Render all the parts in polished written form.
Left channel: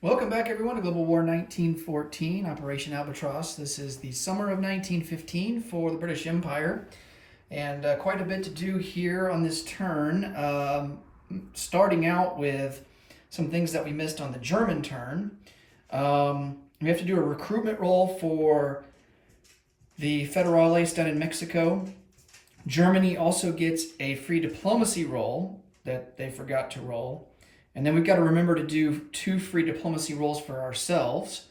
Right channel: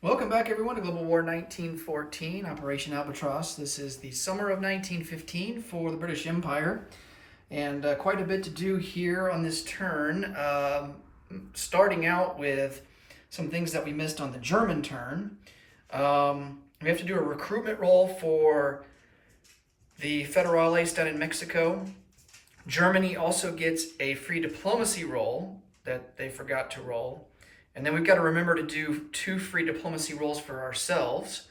Welcome back, everyone, to Global War 1914, Operation Albatross. This is the summer of 1915 for the British Empire, and quite a bit to do here on this turn. Starting out with some things that we missed on the German turn. We have to do a recruitment roll for the Federales down in Mexico. Germany also gets a free diplomacy roll that they forgot to roll. And then we've got to remember to do 2 free diplomacy rolls for ourselves.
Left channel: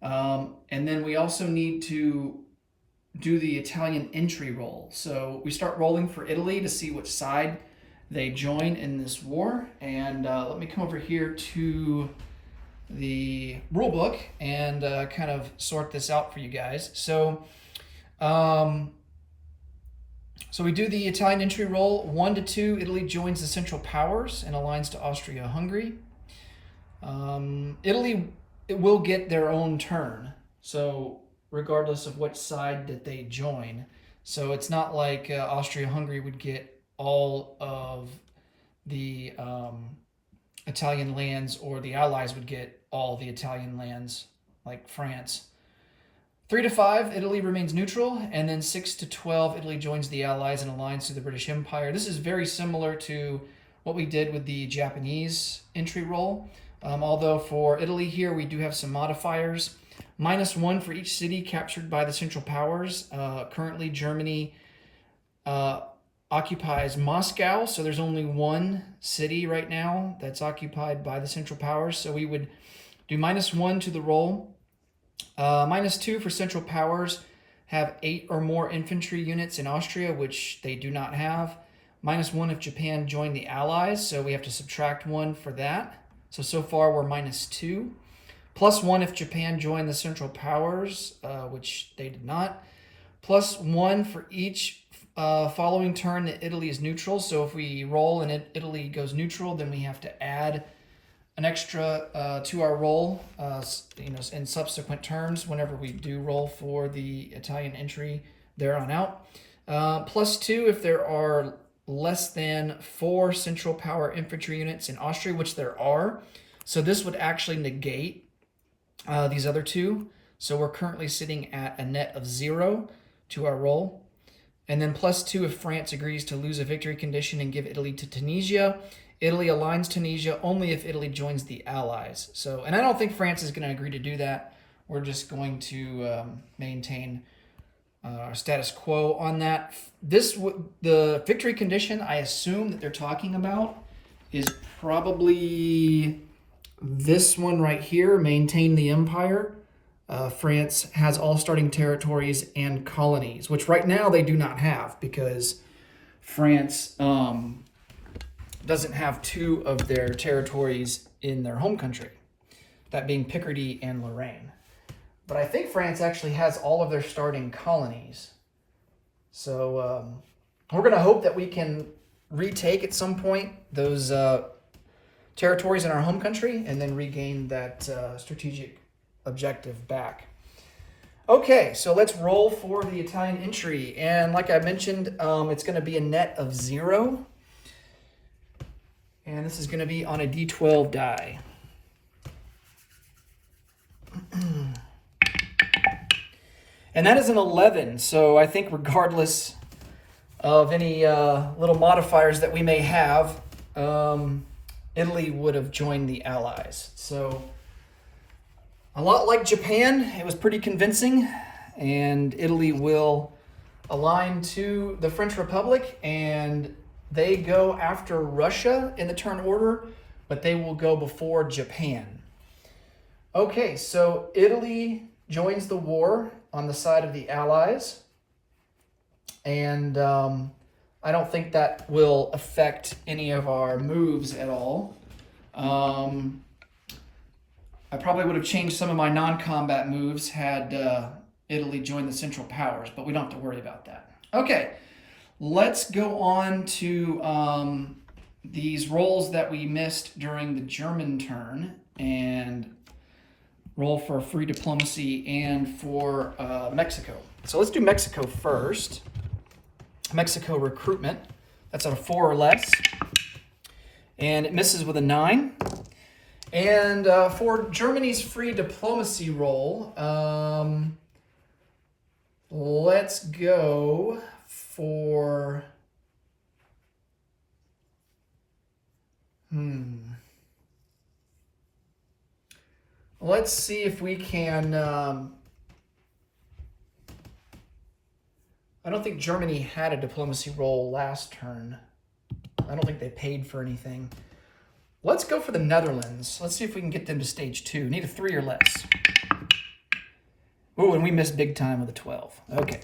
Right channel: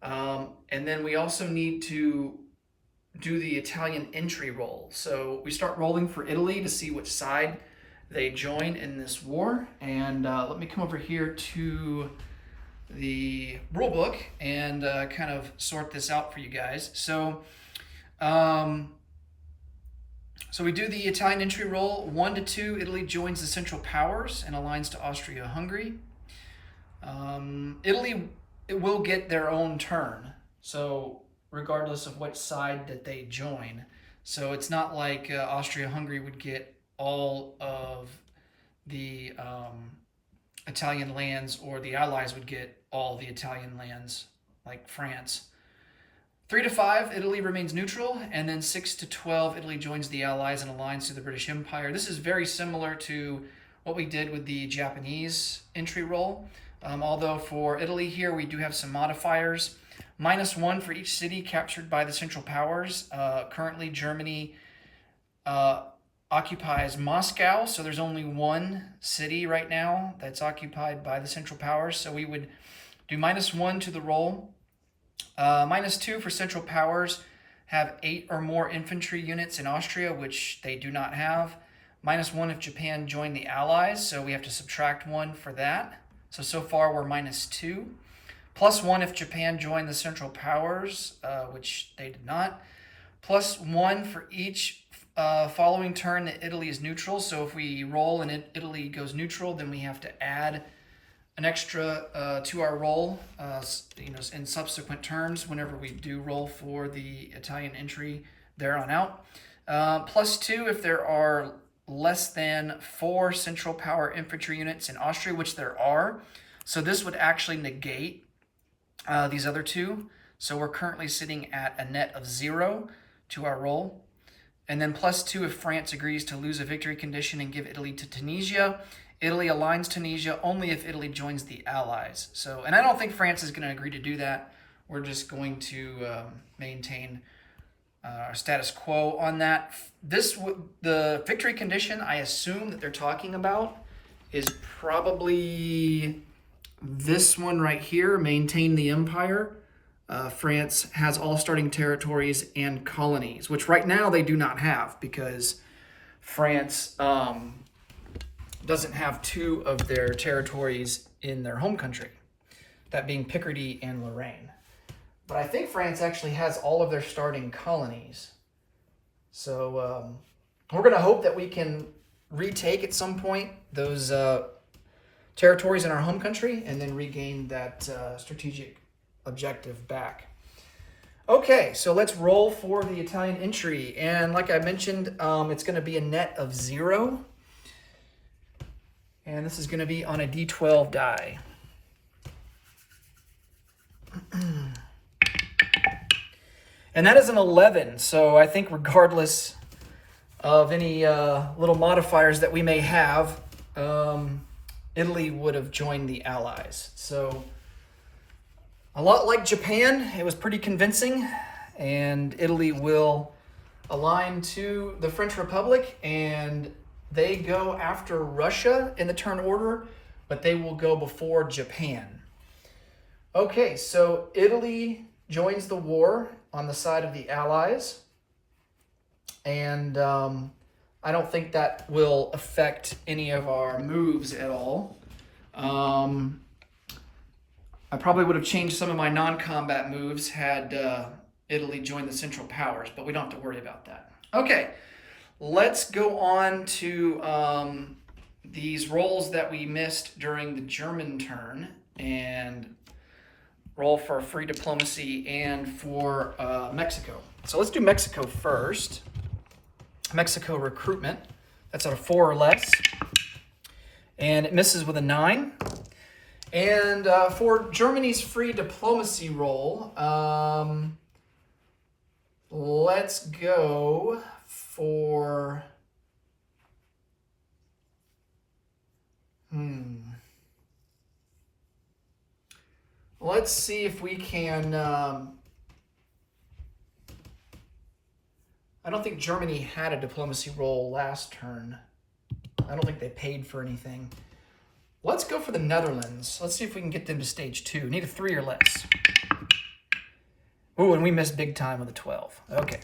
And then we also need to do the Italian entry roll. So we start rolling for Italy to see which side they join in this war. And let me come over here to the rule book and kind of sort this out for you guys. So we do the Italian entry roll. 1 to 2, Italy joins the Central Powers and aligns to Austria-Hungary. Italy will get their own turn, so regardless of which side that they join. So it's not like Austria-Hungary would get all of the Italian lands, or the Allies would get all the Italian lands, like France. 3 to 5, Italy remains neutral, and then 6 to 12, Italy joins the Allies and aligns to the British Empire. This is very similar to what we did with the Japanese entry roll, although for Italy here we do have some modifiers. -1 for each city captured by the Central Powers. Currently Germany occupies Moscow, so there's only 1 city right now that's occupied by the Central Powers, so we would do -1 to the roll. -2 for Central Powers have 8 or more infantry units in Austria, which they do not have. -1 if Japan joined the Allies, so we have to subtract 1 for that. So far we're -2. +1 if Japan joined the Central Powers, which they did not. +1 for each following turn that Italy is neutral. So if we roll and Italy goes neutral, then we have to add an extra to our roll, in subsequent turns whenever we do roll for the Italian entry there on out. +2 if there are less than 4 Central Power infantry units in Austria, which there are. So this would actually negate these other 2. So we're currently sitting at a net of 0 to our roll. And then +2 if France agrees to lose a victory condition and give Italy to Tunisia. Italy aligns Tunisia only if Italy joins the Allies. So, and I don't think France is going to agree to do that. We're just going to maintain our status quo on that. The victory condition I assume that they're talking about is probably this one right here, maintain the empire. France has all starting territories and colonies, which right now they do not have because France doesn't have 2 of their territories in their home country, that being Picardy and Lorraine. But I think France actually has all of their starting colonies. So we're going to hope that we can retake at some point those territories in our home country and then regain that strategic objective back. Okay, so let's roll for the Italian entry. And like I mentioned, it's going to be a net of 0. And this is going to be on a D12 die. And that is an 11. So I think regardless of any little modifiers that we may have, Italy would have joined the Allies. So a lot like Japan, it was pretty convincing. And Italy will align to the French Republic, and they go after Russia in the turn order, but they will go before Japan. Okay, so Italy joins the war on the side of the Allies. And I don't think that will affect any of our moves at all. I probably would have changed some of my non-combat moves had Italy joined the Central Powers, but we don't have to worry about that. Okay. Let's go on to these rolls that we missed during the German turn and roll for free diplomacy and for Mexico. So let's do Mexico first. Mexico recruitment. That's at a 4 or less. And it misses with a 9. And for Germany's free diplomacy role, let's go for... Let's see if we can... I don't think Germany had a diplomacy role last turn. I don't think they paid for anything. Let's go for the Netherlands. Let's see if we can get them to stage 2. Need a 3 or less. Oh, and we missed big time with a 12. Okay.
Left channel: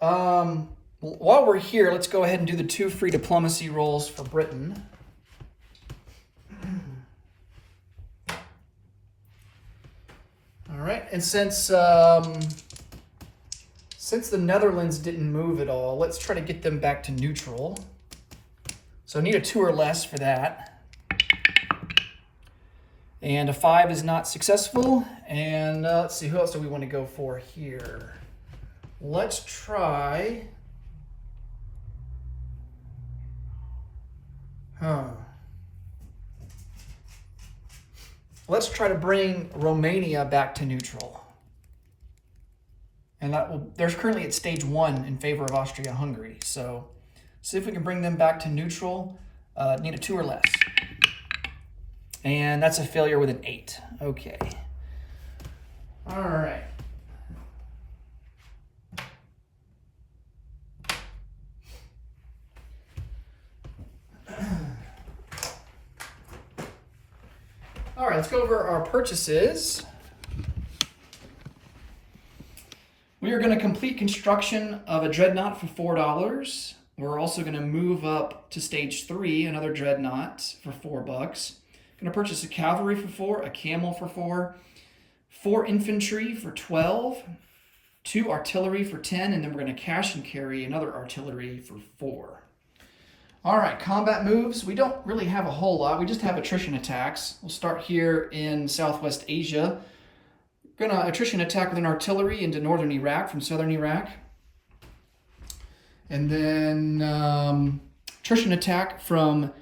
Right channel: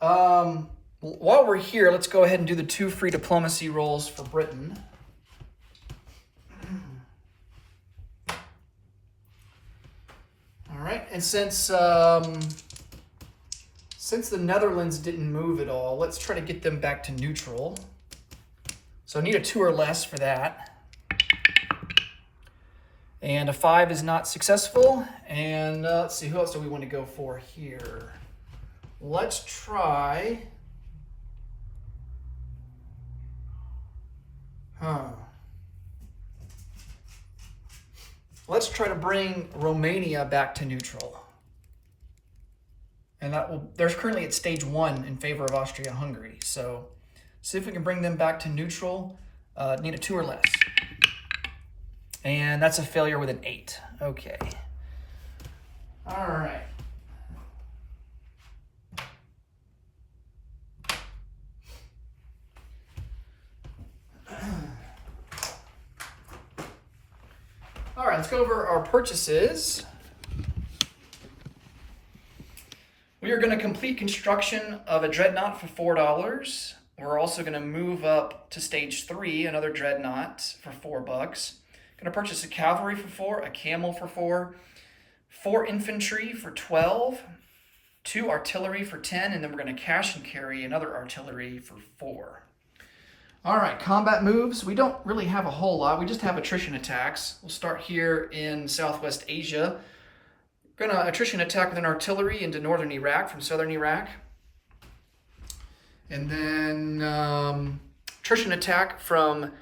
While we're here, let's go ahead and do the 2 free diplomacy roles for Britain. All right, and since the Netherlands didn't move at all, let's try to get them back to neutral. So I need a 2 or less for that. And a 5 is not successful. And let's see, who else do we want to go for here? Let's try... Let's try to bring Romania back to neutral. And they're currently at stage 1 in favor of Austria-Hungary. So see if we can bring them back to neutral. Need a 2 or less. And that's a failure with an 8. Okay. All right. All right, let's go over our purchases. We are going to complete construction of a dreadnought for $4. We're also going to move up to stage 3, another dreadnought for $4. Going to purchase a cavalry for 4, a camel for 4, 4 infantry for 12, 2 artillery for 10, and then we're going to cash and carry another artillery for 4. All right, combat moves. We don't really have a whole lot. We just have attrition attacks. We'll start here in Southwest Asia. We're going to attrition attack with an artillery into northern Iraq from southern Iraq. And then attrition attack from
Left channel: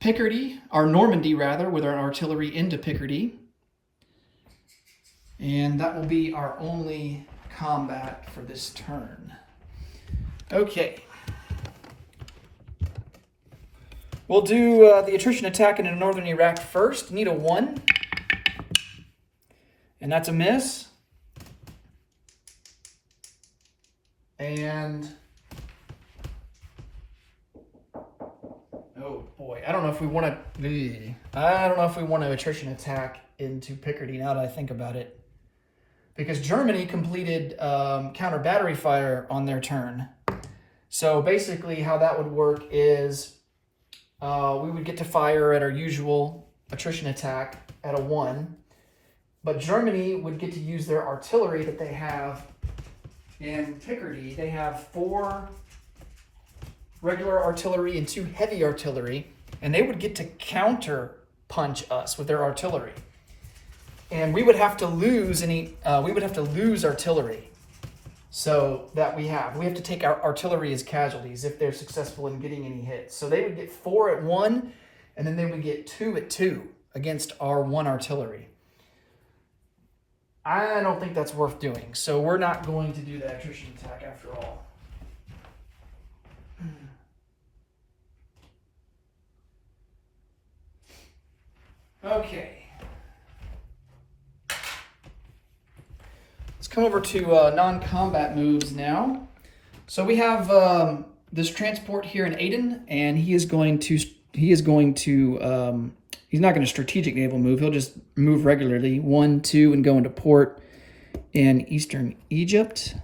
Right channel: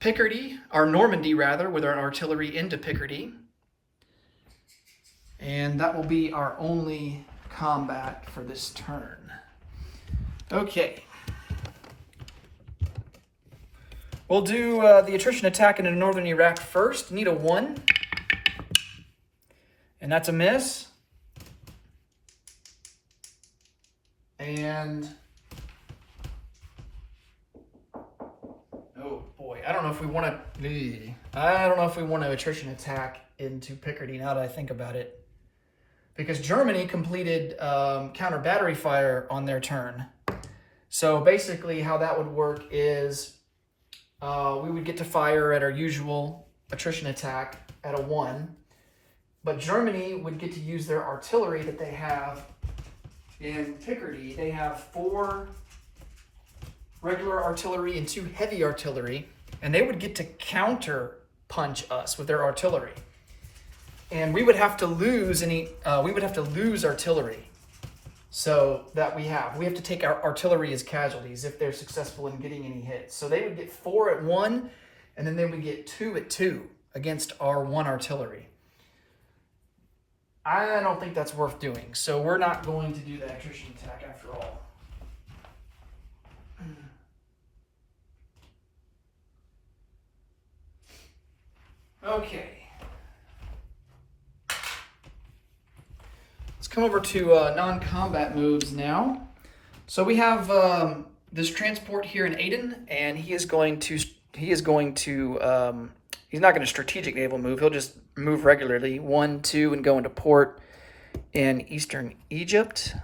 Picardy, or Normandy rather, with our artillery into Picardy. And that will be our only combat for this turn. Okay. We'll do the attrition attack into northern Iraq first. Need a 1. And that's a miss. And... oh boy, I don't know if we want to attrition attack into Picardy now that I think about it. Because Germany completed counter battery fire on their turn. So basically how that would work is we would get to fire at our usual attrition attack at a 1. But Germany would get to use their artillery that they have in Picardy. They have 4 regular artillery and 2 heavy artillery, and they would get to counter punch us with their artillery. And we would have to lose artillery. So that we have to take our artillery as casualties if they're successful in getting any hits. So they would get 4 at 1, and then they would get 2 at 2 against our 1 artillery. I don't think that's worth doing, so we're not going to do that attrition attack after all. Okay. Let's come over to non-combat moves now. So we have this transport here in Aden, and he's not going to strategic naval move. He'll just move regularly, 1, 2, and go into port in eastern Egypt.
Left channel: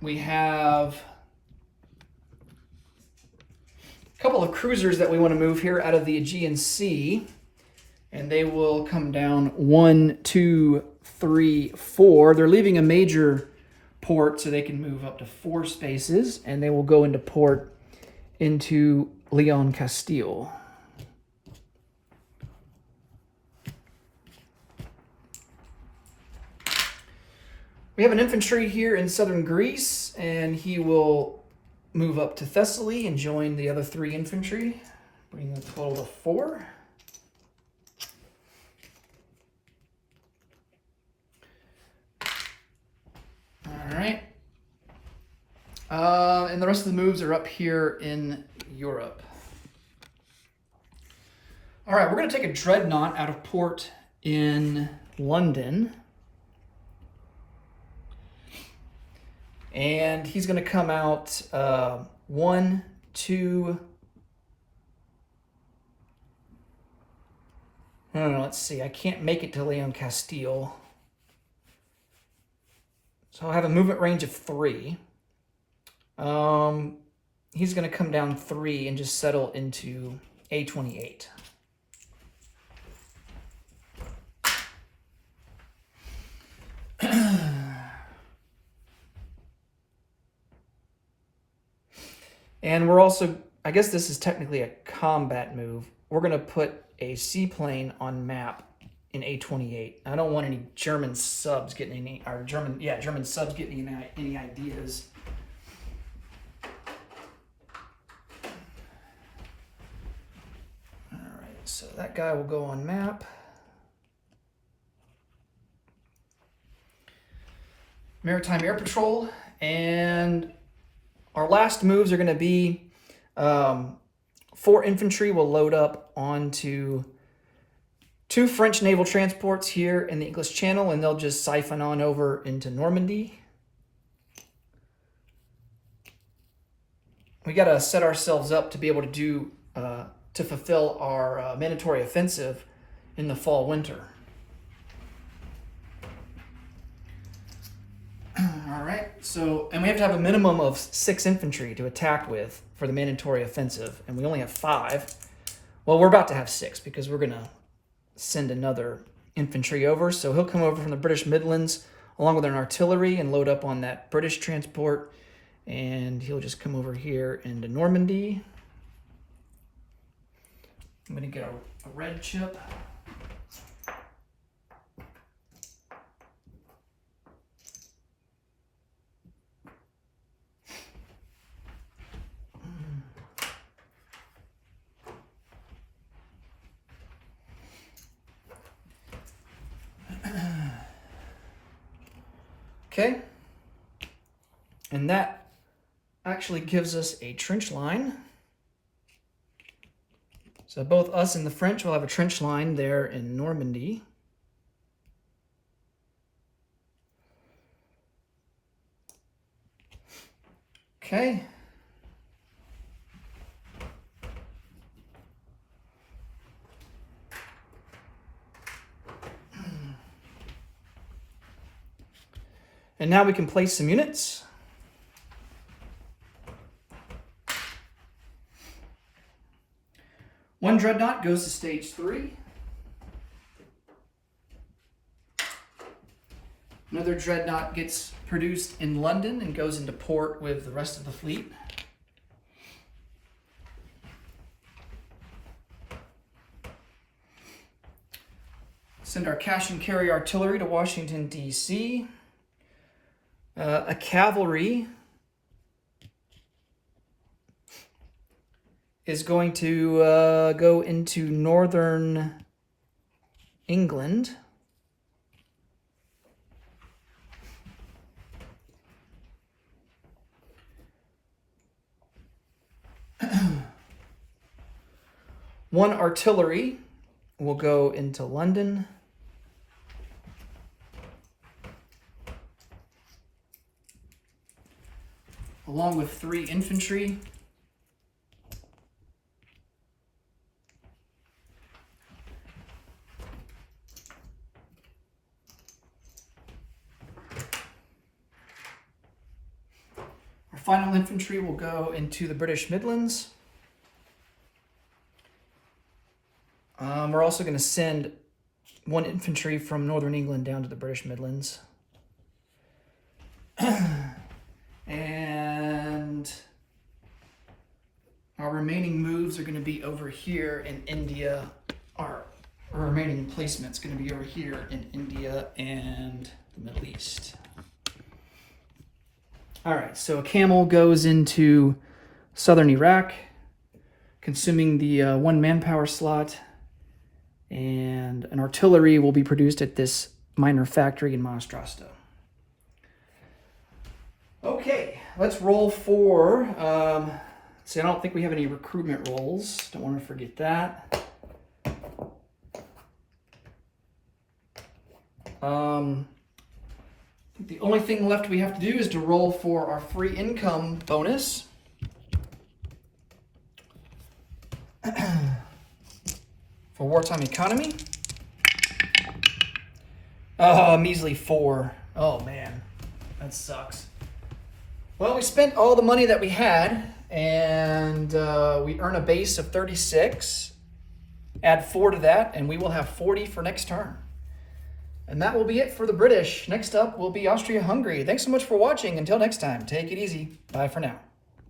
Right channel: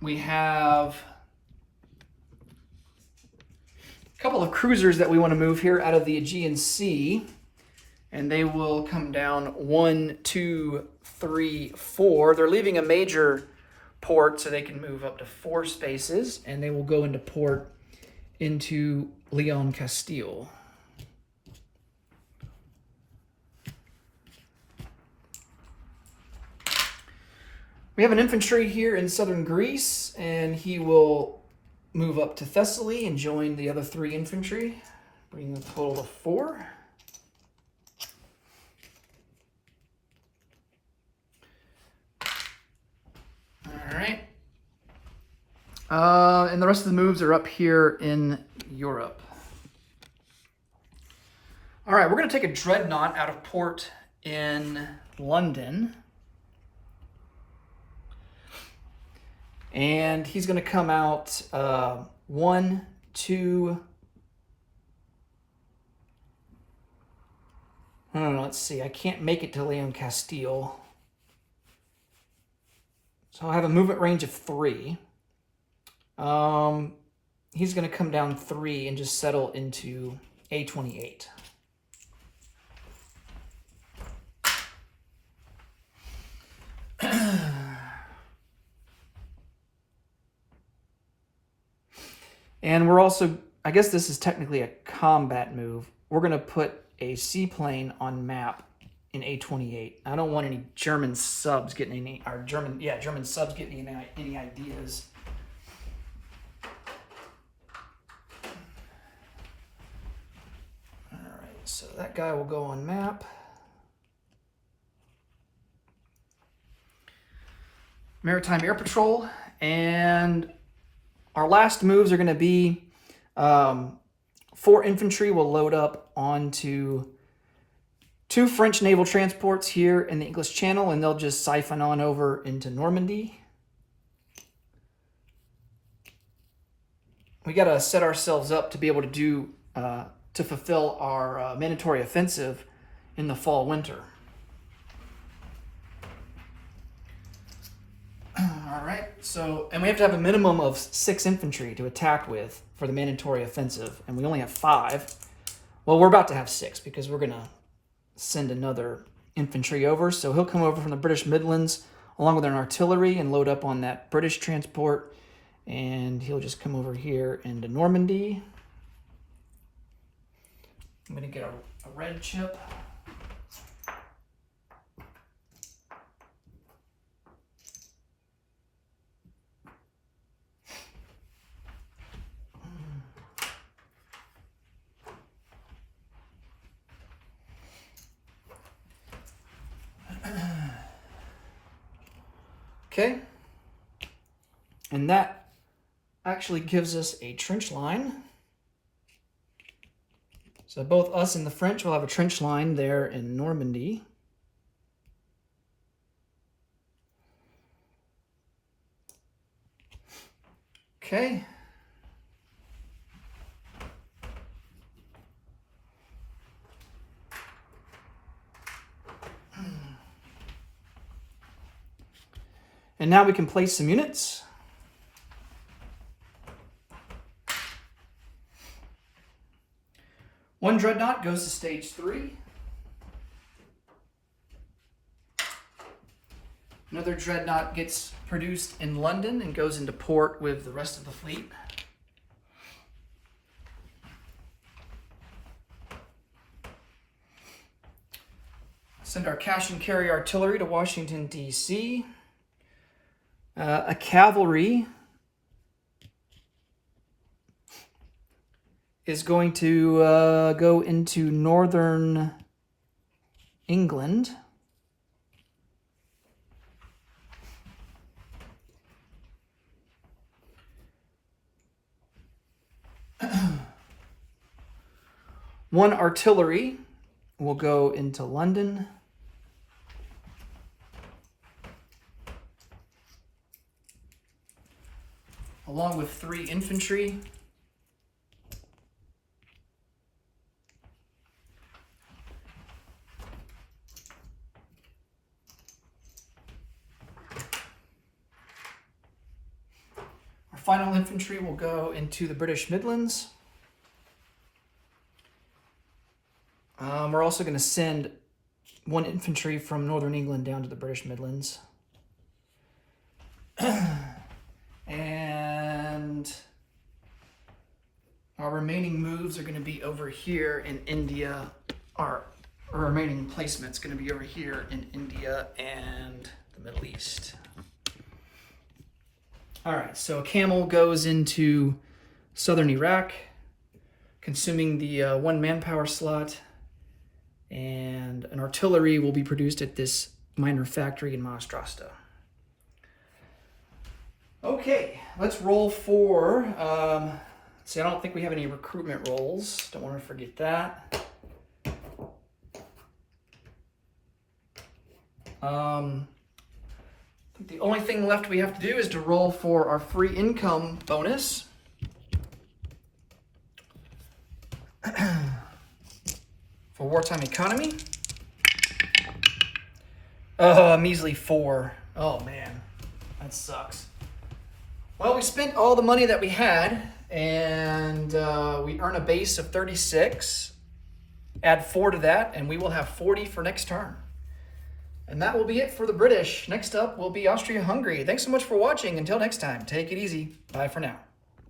We have a couple of cruisers that we want to move here out of the Aegean Sea, and they will come down 1, 2, 3, 4. They're leaving a major port so they can move up to 4 spaces, and they will go into port into Leon, Castile. We have an infantry here in southern Greece, and he will move up to Thessaly and join the other 3 infantry, bringing a total of 4. All right. And the rest of the moves are up here in Europe. All right, we're going to take a dreadnought out of port in London. And he's going to come out 1, 2... let's see. I can't make it to Leon Castile. So I have a movement range of 3. He's going to come down 3 and just settle into A28. And we're also, I guess this is technically a combat move. We're going to put a seaplane on map in A28. I don't want any German subs getting any, or German subs getting any ideas. All right, so that guy will go on map. Maritime Air Patrol, and our last moves are going to be 4 infantry will load up onto 2 French naval transports here in the English Channel, and they'll just siphon on over into Normandy. We got to set ourselves up to be able to do to fulfill our mandatory offensive in the fall-winter. All right, so, and we have to have a minimum of 6 infantry to attack with for the mandatory offensive, and we only have 5. Well, we're about to have 6 because we're going to send another infantry over. So he'll come over from the British Midlands along with an artillery and load up on that British transport, and he'll just come over here into Normandy. I'm going to get a red chip. Okay, and that actually gives us a trench line. So both us and the French will have a trench line there in Normandy. Okay. And now we can place some units. One dreadnought goes to stage 3. Another dreadnought gets produced in London and goes into port with the rest of the fleet. Send our cash and carry artillery to Washington, D.C. A cavalry is going to go into northern England. One artillery will go into London. Along with 3 infantry. Our final infantry will go into the British Midlands. We're also going to send 1 infantry from Northern England down to the British Midlands. And our remaining moves are going to be over here in India. Our remaining placement is going to be over here in India and the Middle East. All right, so a camel goes into southern Iraq, consuming the 1 manpower slot, and an artillery will be produced at this minor factory in Monostrosta. Okay, let's roll for, see, I don't think we have any recruitment rolls. Don't want to forget that. I think the only thing left we have to do is to roll for our free income bonus. For wartime economy. Oh, a measly 4. Oh man, that sucks. Well, we spent all the money that we had, and we earn a base of 36. Add 4 to that, and we will have 40 for next turn. And that will be it for the British. Next up will be Austria-Hungary. Thanks so much for watching. Until next time, take it easy. Bye for now.